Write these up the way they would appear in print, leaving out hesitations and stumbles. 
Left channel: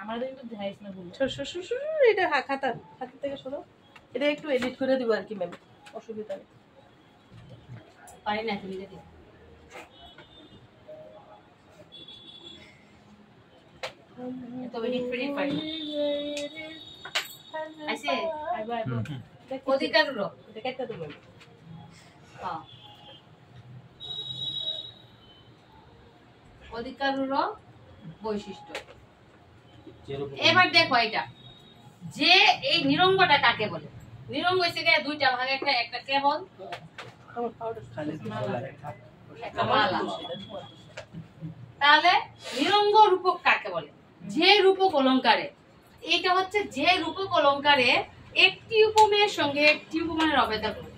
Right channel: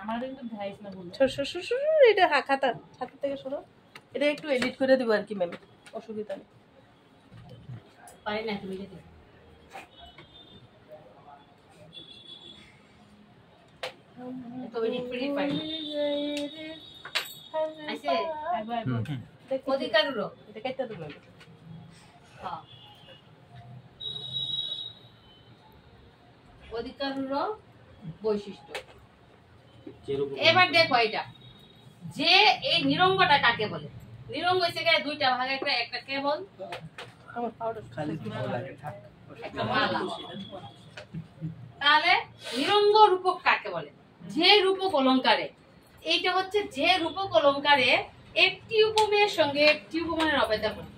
আমার কিন্তু ধ্যাইস না বলো এটা খাতা থেকে সরো, এটা একটু এডিট করে দিব আর কি ম্যাম, অসুবিধা নেই। পারি না তুমি দেখি তো এডিট করে পারি আইছে আইবা অধিকারর এটা কেটে দেব। হ্যাঁ অধিকারর বৈশিষ্ট্য। এবার দেখো এটা যে এই নিরঙ্গটা কাকে বলে। নিরঙ্গ হইছে দুইটা ভাগে, একটা কেবল একটা মালা। তাহলে নিরঙ্গ রূপক কাকে বলে? যে রূপক অলংকারে, এইটা হচ্ছে যে রূপক অলংকারে একটি উপমেয়ের সঙ্গে একটি উপমানের অভেদ করে।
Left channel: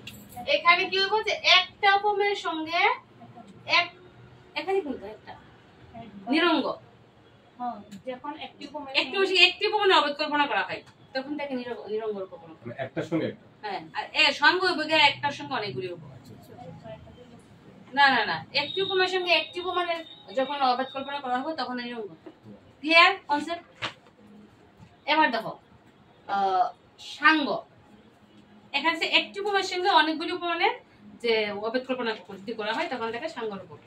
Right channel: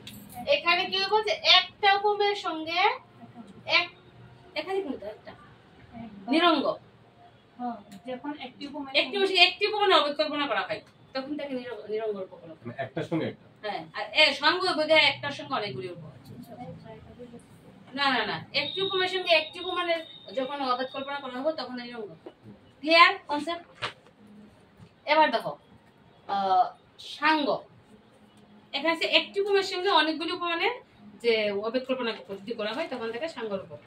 এখানে কি হবে যে একটা উপমেয়ের সঙ্গে এখানে কিন্তু একটা নিরঙ্গ, যখন একটি উপমানের অভেদ কল্পনা করা হয় তখন তাকে নিরঙ্গ রূপক অলংকার। একটার সঙ্গে একটা, হ্যাঁ, আর সঙ্গ একটার সঙ্গে অনেকগুলি উপমা। না না না, একটি উপমানের সঙ্গে একটি উপমানের যখন অভেদ কল্পনা করা হবে তখন নিরঙ্গ। Clear concept? এবার দেখো সাঙ্গ, এখানে একটি উপমানের সঙ্গে অনেকগুলি উপমানের যে অভেদ কল্পনা যদি করা হয় তখন তাকে সাঙ্গ রূপক।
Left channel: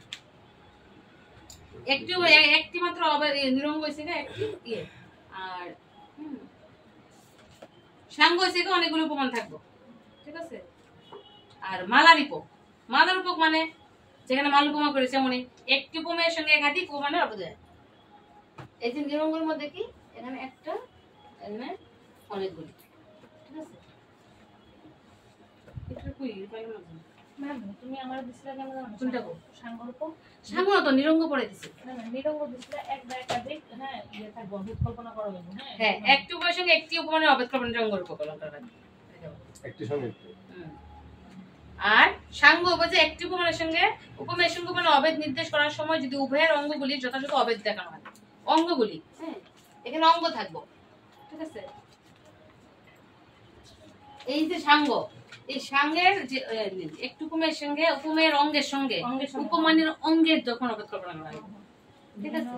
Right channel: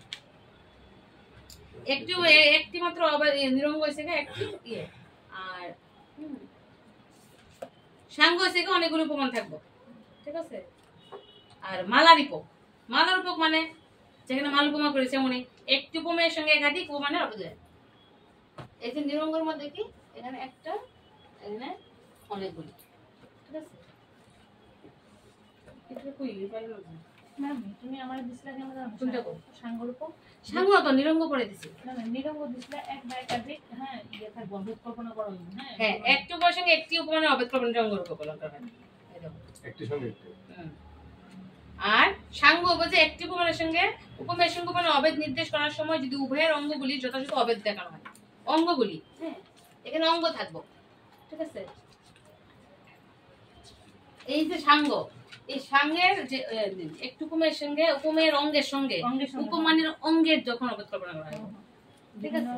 একটি মাত্র নিরঙ্গ হয়েছে একটি ইয়ে, আর সাঙ্গ হয়েছে অনেকগুলো উপমান থাকবো, ঠিক আছে? আর মালা রূপক, মালা রূপক মানে যেখানে মাল উপমা করেছে উনি একটি উপমেয়ের সঙ্গে একাধিক উপমানের অভেদ হয়। এই যে নিরঙ্গের মধ্যে কি এখানে একটা, এখানে অনেকগুলি, ঠিক আছে? এটা কই পাইলো না ম্যাম, তুমি আমার দিছিলা কেন জানো? কোনটা গো? সাঙ্গ রূপক। সাঙ্গ তো নিরঙ্গ পড়ে দিছি। না না, নিরঙ্গ দিছিলা এক বা একাধিক, হ্যাঁ ইয়ে থাকবে অভেদ কল্পনা করা হবে। হ্যাঁ হ্যাঁ, একটি উপমানের সঙ্গে একটি উপমানের অভেদ কল্পনা নিরঙ্গ রূপক অলংকার হয়। একটি সঙ্গে একটি। আর সাঙ্গ যে একটি উপমানের সঙ্গে উপমেয়ের সঙ্গে উপমানের অভেদ নির্দেশ করার সময় যদি উভয়ের অঙ্গগুলি যথাযথ অভেদ দেখানো হয়, অঙ্গগুলি, হ্যাঁ এখানে অঙ্গ থাকবো, ঠিক আছে? এই যে সাঙ্গ, এই সাঙ্গের যে একটি উপমেয়ের সঙ্গে উপমেয়ের অঙ্গের সঙ্গে উপমানের অঙ্গের যখন অভেদ কল্পনা করা হয়, ঠিক আছে?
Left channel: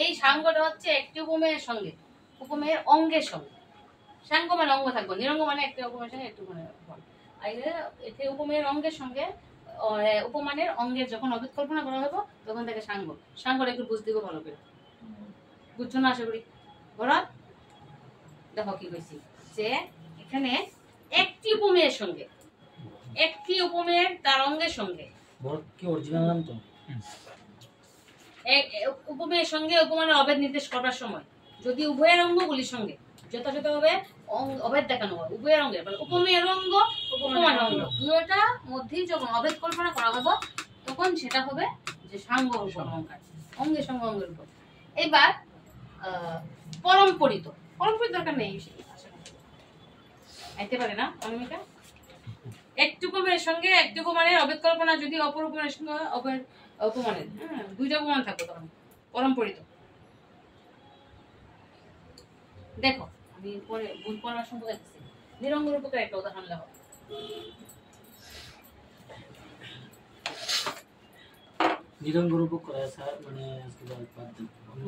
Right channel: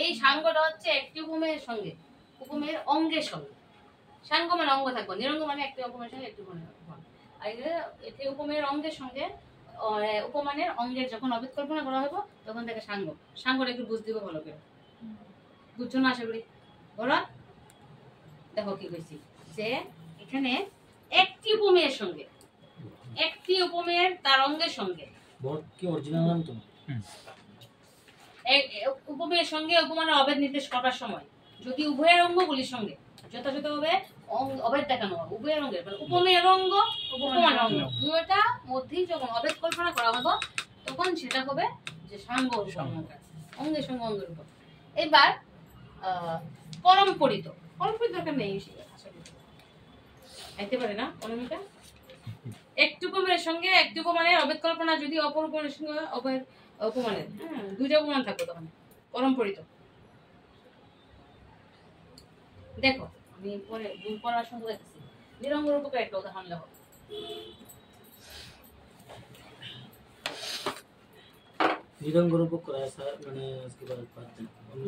এই সাঙ্গটা হচ্ছে একটি উপমেয়ের সঙ্গে উপমেয়ের অঙ্গের সঙ্গে। সাঙ্গ মানে অঙ্গ থাকবো, নিরঙ্গ মানে একটি উপমেয়ের সঙ্গে একটি উপমানের উপমেয়ের অঙ্গের সঙ্গে উপমানের অঙ্গের যখন অভেদ কল্পনা করা হবে তখন তাকে সাঙ্গ। সাঙ্গটা একটু বুঝ দিব ভালো করে, বুঝছো না? আশা করি বলো। দেখো কি কইছি যে এখানে একটি উপমেয়ের সঙ্গে একটি উপমেয়ের তার অঙ্গের সঙ্গে কি অরিজিনাল নাম তো উপমেয়ের সঙ্গে উপমানের অভেদ নির্দেশ করার সময় যদি উভয়ের অঙ্গগুলির সঙ্গে যথাযথভাবে অভেদ দেখানো হয়, উভয়ের অঙ্গের মানে উপমেয়ের অঙ্গ উপমানের অঙ্গ দুটোটা মধ্যেই যখন অভেদ কল্পনা করা হবে তখন সেটা হবে যে সাঙ্গ রূপক অলংকার, অঙ্গের সঙ্গে অঙ্গের উপর। এবার পরম্পরিত, পরম্পরিত দরকার নেই, আইতে পারে না অনামিকা। একটি উপমেয়ের সঙ্গে একটি উপমানের অভেদ কল্পনা যদি অপর উপমানের সঙ্গে উপমানের, হ্যাঁ দুইটা উপমান থাকবে তখন পরম্পরিত। দেখো আমি পরে বই পড়ার সময় দেখতেছি নিরঙ্গ রূপকের একটা উদাহরণ লেখো। নিরঙ্গ রূপক করা স্যার মানে আজকে বাদ দেন।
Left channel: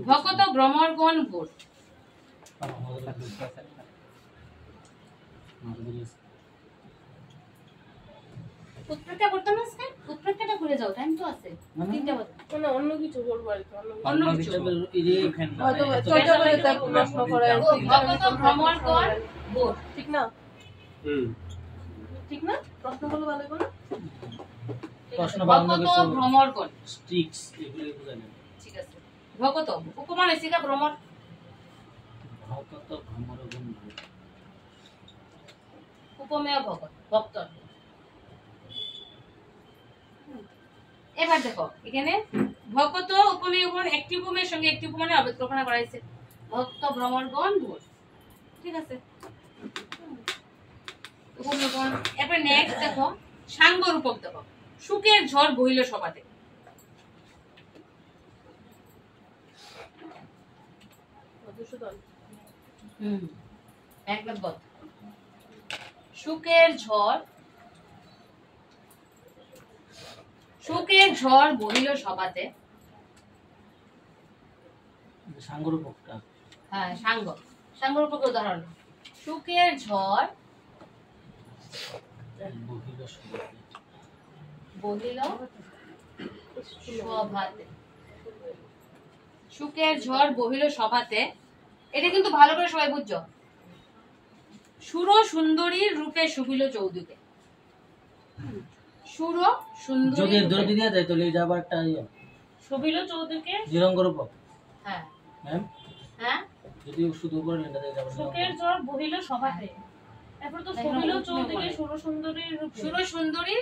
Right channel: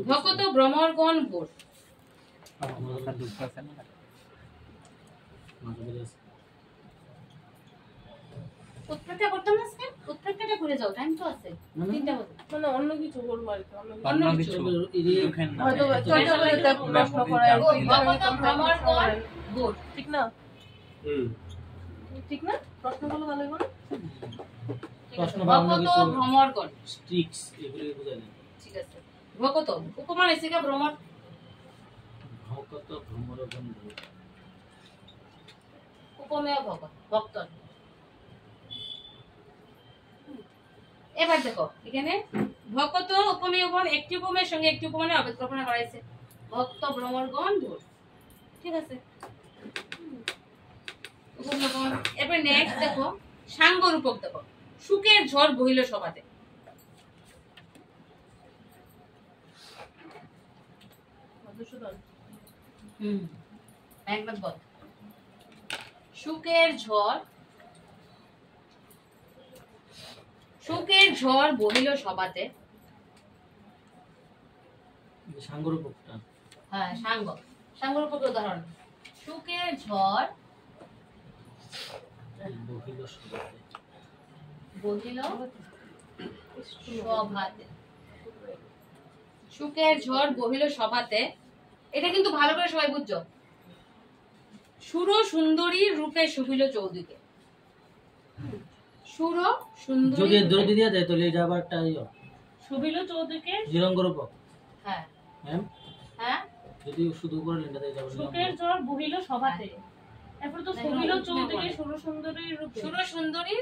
ভকত ভ্রমরগণ ভোর উৎপ্রেক্ষা করতে না স্যার, উৎপ্রেক্ষাটা করে যাও, টাইম তো আছে 3টা বাজে। মানে অন্য কিছু বলবো আর কি, অন্য কিছু হয়তো চর্চা করে প্রশ্ন করা আর কি। ভকত ভ্রমরগণ ভোর, ঠিক না? ঠিক না? প্রশ্নগুলো ভালো হবে না? প্রশ্ন বানানো ভকত কিছু ভ্রমরগণ স্ট্রিক্স এগুলো বুঝাই দেন। ঠিক আছে। ভকত উপমান এসিকা ভ্রমর, ভকত ভ্রমরগণ ভোর, উপমেয় ভকত ভক্ত। এবার দেখো এখানে ভকত উপমেয় গণ একটি উপমেয়ের সঙ্গে একটি উপমানের অভেদ কল্পনা করা হয়েছে, ভক্ত ভ্রমরগণ ভোর, ঠিক আছে? উপমেয়গণ। এরপর নেক্সট দেখো সাঙ্গ রূপক, দেখো সুখের ঝড় বহিল সভাতে। একবার বল। সুখের ঝড়, সুখের ঝড় বহিল সভাতে। সাঙ্গরূপকটা হ্যাঁ সাঙ্গ, সাঙ্গরূপকের উদাহরণ সুখের ঝড় বহিল সভাতে বহিল সভাতে, সুখের ঝড় বহিল সভাতে। এটা কিন্তু ভালো করে সবাই বুঝছো। সুর সুন্দরী রূপে শুভিল চৌদিকে, সুর সুন্দরী যদি রূপে- দরদি দিয়া যায় তাহলে এটা আবার একটা শোভিল চৌদিকে নিরঙ্গরূপক। হ্যাঁ ম্যাম হ্যাঁ যদি শুধু উপরে লেখা যায় যাবে সুখের ঝড় বহিল সভাতে, এরপর তো দেখো, শোভিল তুমি চৌদিকে বলো। সুরসুন্দরীর রূপে, সুর সুন্দরী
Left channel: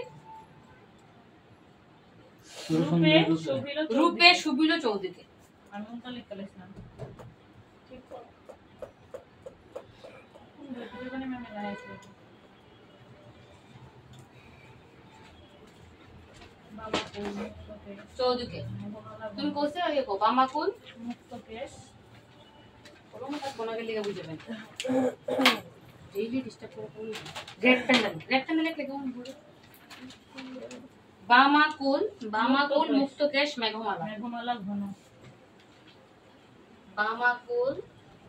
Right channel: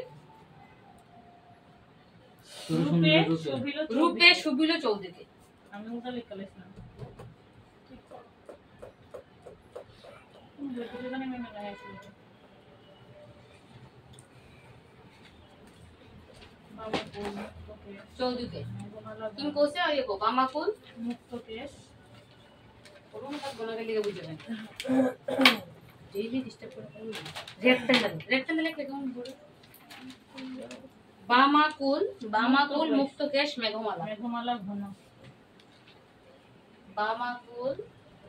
রূপে শোভিল রূপে চৌদিকে। শুভিল চৌদিকে। আমি ওটা লিখে লিখলাম ঠিক করে। দুজনে মেমে গায়ে আছে বাবা কোন মুক্তকে চৌদিকে মেঘমালা তুমি কোসে ইয়ে কো বামাকুল মুক্তকেশ কোনো কাজ কোনাকে লিখে বুঝাবেন ডেইলি ডিস্টার্ব করে ফেলি রেক্ট্যাঙ্গেল লিখলে কেমন বলে বামাকুল বামাকুল মুক্তকেশ মেঘমালা মেঘমালা ঘন বামাকুল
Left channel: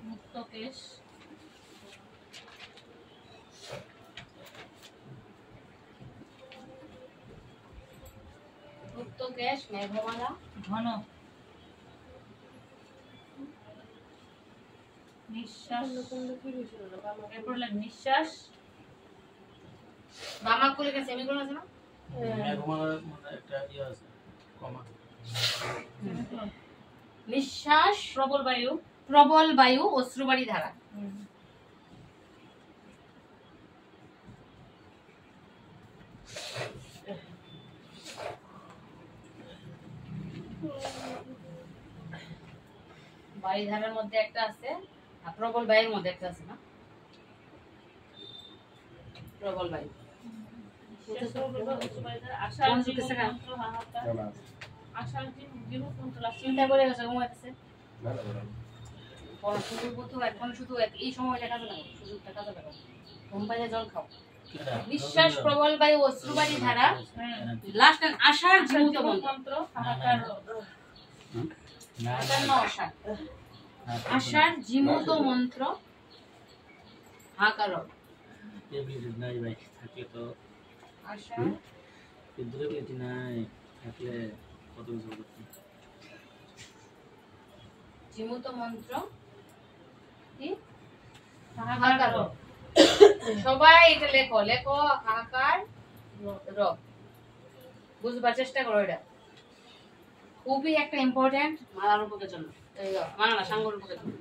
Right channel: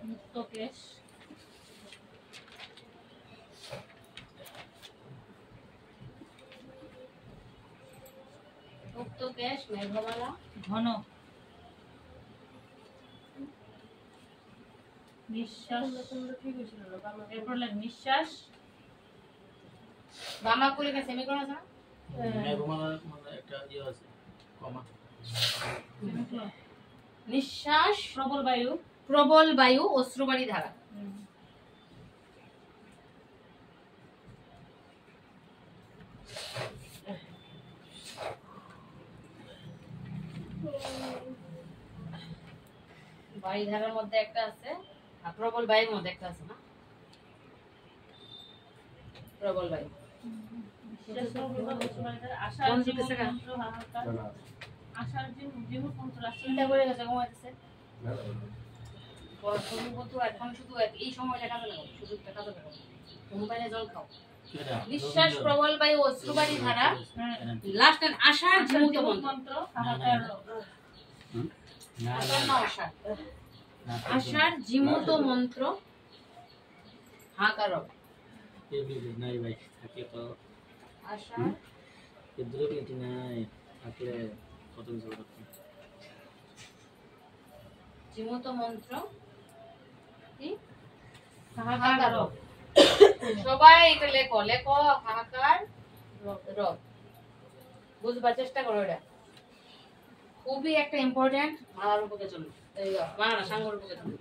মুক্তকেশ মুক্তকেশ মেঘমালা ঘন নিঃশ্বাস এরপর লাগ নিঃশ্বাস বামাকুল কে সেমিকোলন আছে না মেঘমালা মানে একটা আছে কমা নিঃশ্বাস প্রবল বায়ু প্রবল বায়ু অশ্রুবাড়ি ধারা বায়ু ধারার মধ্যে একটা আছে আর প্রবল বায়ুর মধ্যে একটা আছে না প্রবল বায়ু আশার কোন জীবন দিকে মন্ত্র হাহাকার না না আশার জীবন মন্ত্র আছে চিন্তা করে গেছে ঘুমাইতেছে না না পড়াশোনার প্রতি এখন শুধু এই সময়টা কাজে লাগাও সুযোগটা কাজে লাগাও ঘুম পাইলে জল খাও নিঃশ্বাস প্রবল বায়ু অশ্রুবাড়ি ধারা লাস্ট আশার জীবন্ত মন্ত্র মন্ত্র হাহাকার না আশার না আশার না আশার জীবন্ত মন্ত্র হাকার এবিলিটি নাই ভাই থাকলে তো আশার এবিলিটি নাই থাকলে কত কিছু করতে জীবন্ত মন্ত্র কি হাহাকার হাকার সবাই এটা লেখো লেখো হাহাকার রব বুঝবার চেষ্টা করো এটা খুবই একটা ইম্পর্টেন্ট মালার রূপকের জন্য মালা সাঙ্গ রূপকের জন্য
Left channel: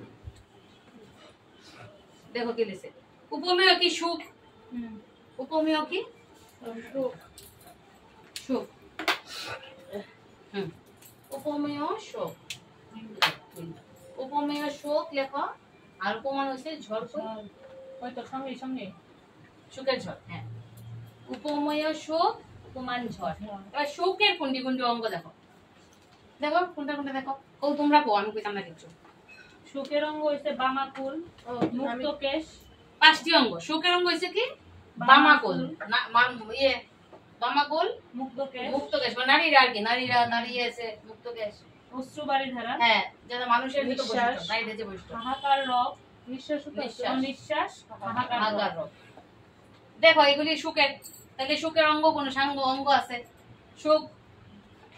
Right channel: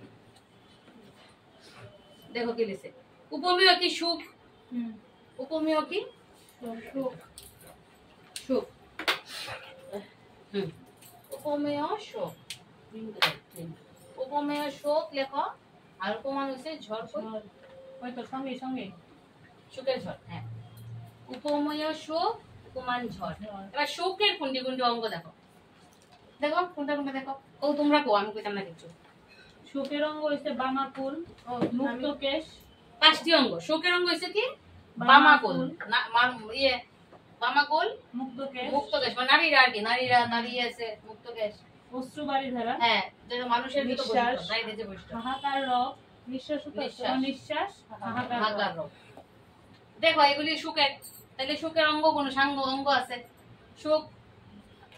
দেখো কি লিখছে উপমেয় কি সুখ উপমেয় কি সুখ উপমেয় শোক উপমেয় শোক লেখো আর উপমান হচ্ছে ঝড় কই ওই তো সঙ্গে সঙ্গে সুখের ঝড় হ্যাঁ উপমেয় শোক উপমান ঝড় এবার শোকের কুন্ডি কুন্ডি অঙ্গ দেখো দেখো কোনটা কোনটা দেখো ও তোমরা কো আমি কইতাম না কিছু সুখের অঙ্গ হইছে বামাকুল মুক্তকেশ পাঁচটি অঙ্গ শোকের অঙ্গ হচ্ছে কি বামাকুল না ইয়ে বামাকুল মুক্তকেশ মুক্তকেশ মানে নারীরা আর কি নারীরা দাঁড়িয়ে আছে মুক্তকেশ অশ্রুবাড়ি ধারা হ্যাঁ যেটা মানুষের ভিতর নিঃশ্বাস। বৈশিষ্ট্য নারীদের যে বৈশিষ্ট্য হাহাকার রব নিঃশ্বাস অনিঃশ্বাস হাহাকার রব। হাহাকার রব। দেখো এগুলি সুখের তাহলে সুখের অঙ্গ কোন সাঙ্গ অঙ্গ আছে সুখ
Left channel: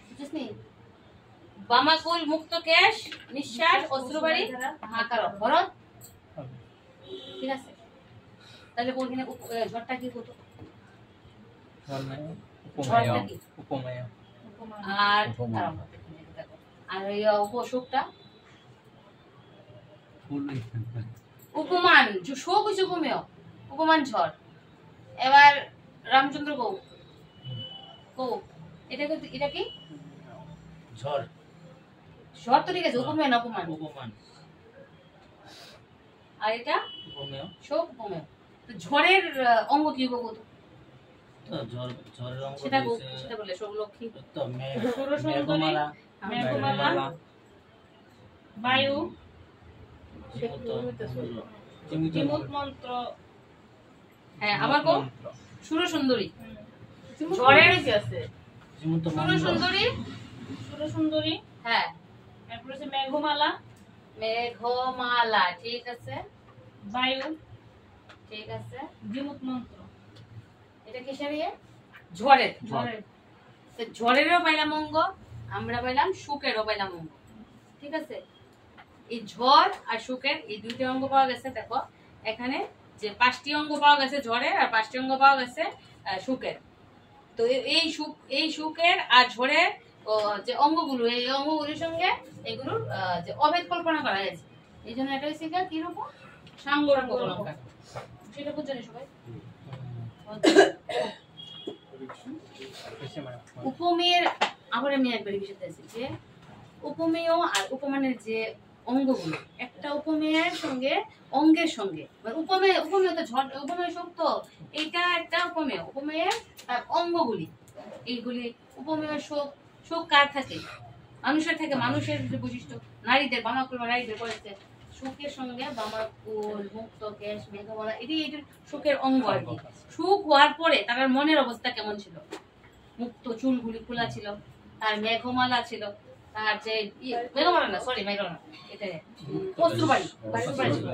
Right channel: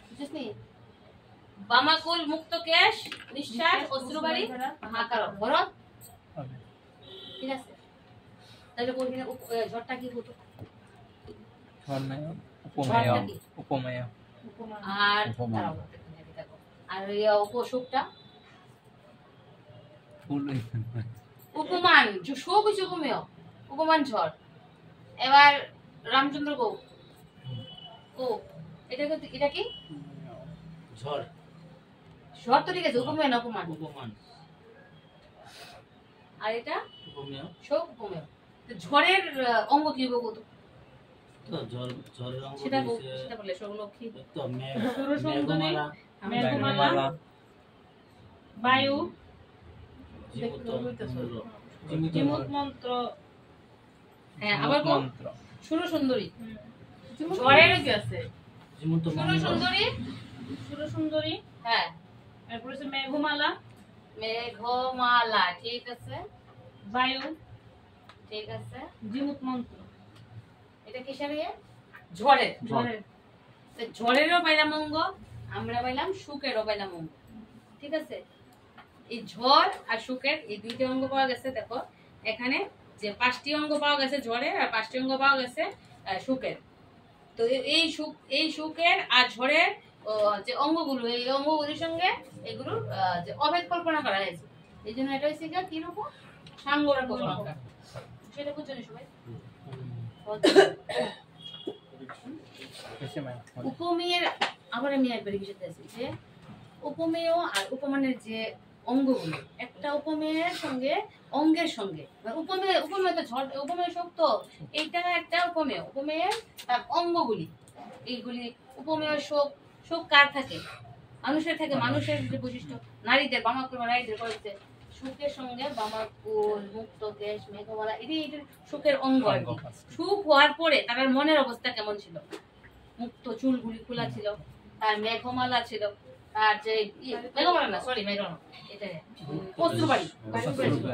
বুঝছিস বামাকুল মুক্তকেশ নিঃশ্বাস অশ্রুবাড়ি হাহাকার রব। ভরত ঠিক আছে তাহলে কোনখানে ঝড়টা কি হতো ঝড়টা কি উপমেয় উপমা আর উপমা। দাঁড়াও, এখানে দেখো। আর ওই উপসুখটা উপমান শোক হচ্ছে উপমেয় উপমান ঝড় এবার রামচন্দ্র গৌ এটা কি ঝড় ঝড় তো ঠিক আছে উপমেয় না উপমান উপমান আর এটা উপমেয় শোক উপমেয় তো ঝড়ের অঙ্গ কি হবে কত তো ঝড়ের অঙ্গ সেটা দিয়েছে সেটা বললে শোক লক্ষ্মী তো সুরসুন্দরী, মেঘমালা মেঘমালা বায়ু জীবত মন্ত্র জিমুত মন্ত্র হ্যাঁ আবার কো সুর সুন্দরী হুম। ঝড়ের কি আছে জীবন্ত সুর মন্ত্র সুন্দরী সুরসুন্দরী হ্যাঁ এরপর হচ্ছে মেঘমালা মেঘমালা, ঠিক আছে, বায়ু, ঠিক আছে। জিমুত মন্ত্র, এটা কিসের ইয়ে? ঝড়ের। ঝড়ের, তো ঝড়েরও পাইলাম অঙ্গ, আমরা পাইলাম সুখেরও পাইলাম অঙ্গ, ঠিক আছে। এই ঝড় আর সুখের এই দুইটা অঙ্গ পাওয়া গেছে। দেখো এখানে যে 5টি অঙ্গ পাওয়া গেছে ঝড়ের, আর 5টি অঙ্গ পাওয়া গেছে সুখের। তো এই সুখের আর ঝড়ের যে অঙ্গগুলো, এই অঙ্গগুলির সঙ্গে এগুলোর যে অভেদ কল্পনা করা হয়েছে, এই জন্য এটা হচ্ছে কি রূপ? সাঙ্গরূপ অলঙ্কার। সেটা বুঝছেন সবাই? উপমেয়ের আবার আমি একবার বিষয় আছি যে উপমেয় আর উপমানের যে অঙ্গগুলো, একটা উপমেয়ের সঙ্গে অঙ্গের সঙ্গে, মানে উপমেয় তো ঝড়, উপমেয় শক্ত, এটা একটা উপমেয়, উপমেয়ের অঙ্গগুলি, এইগুলি উপমেয় শোক কার থাকে? মানুষের থাকে। মানুষের যে বৈশিষ্ট্য, নারীদের বামাকুল নারীদের করেছে সুখের সঙ্গে বামাকুল, মুক্ত কেশ, মেঘমালা, এটি সুখের অঙ্গ আর কি। সুখ হওয়ার পরে তার মনের অবস্থা কেমন ছিল? মুক্ত চুলগুলি খোলা ছিল, আর মেঘমালা ছিল, আর যে মেঘমালা না, সরি মেঘমালা, এটা অশ্রুবাড়ি ছিল।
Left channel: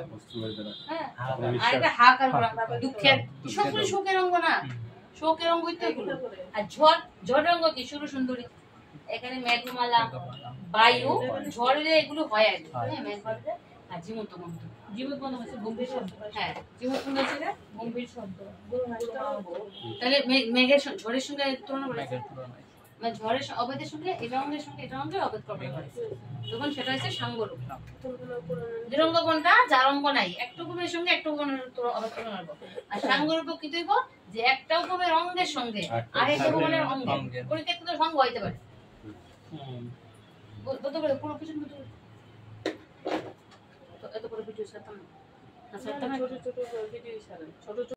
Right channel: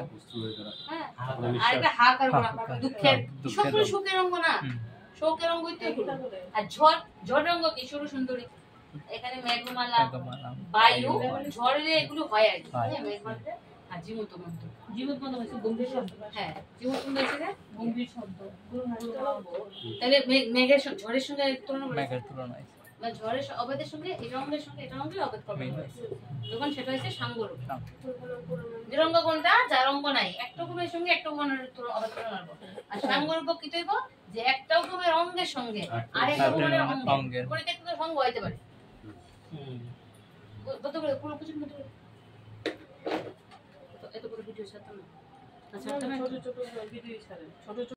হ্যাঁ, আর এটা হাহাকার করা, দুঃখের, সবগুলি সুখের অঙ্গ না? শোকের অঙ্গই তো এগুলো। আর ঝড়ের অঙ্গ কি? সুর সুন্দরী। এখানে মেঘমালা, বায়ু, ঝড়ে এগুলো হয় আর কি। হ্যাঁ, মেঘমালা আর জীবন্ত মন্ত্র। জিমুত মন্ত্র হচ্ছে গম্ভীর শব্দ। হ্যাঁ, জীবন্ত মন্ত্র হচ্ছে না? গম্ভীর শব্দ, তাহলে মেঘের ঝড়ের সঙ্গে তুলনা করে, মানে ঝড়ের অবেদের সঙ্গে এটা অঙ্গের সঙ্গে এটা অঙ্গের অবেদ করবে যখন সেটা হচ্ছে সাঙ্গরূপ। নিরঙ্গ কোনটা? যার অঙ্গ নাই, একটা উপমের সঙ্গে একটা উপমের অবেদ তুলনা করবো। আর সাঙ্গরূপ কি তৈব? যে একটা উপমের অঙ্গের সঙ্গে আর একটা উপমের অঙ্গে পরিত্যক্ত সঙ্গ হইতে পারে। বলতে পারে পুরো কিছু এত করে ভিডিও ছাড়তাম না, ছোট ছোট ভিডিও ছাড়েন, ছোট ছোট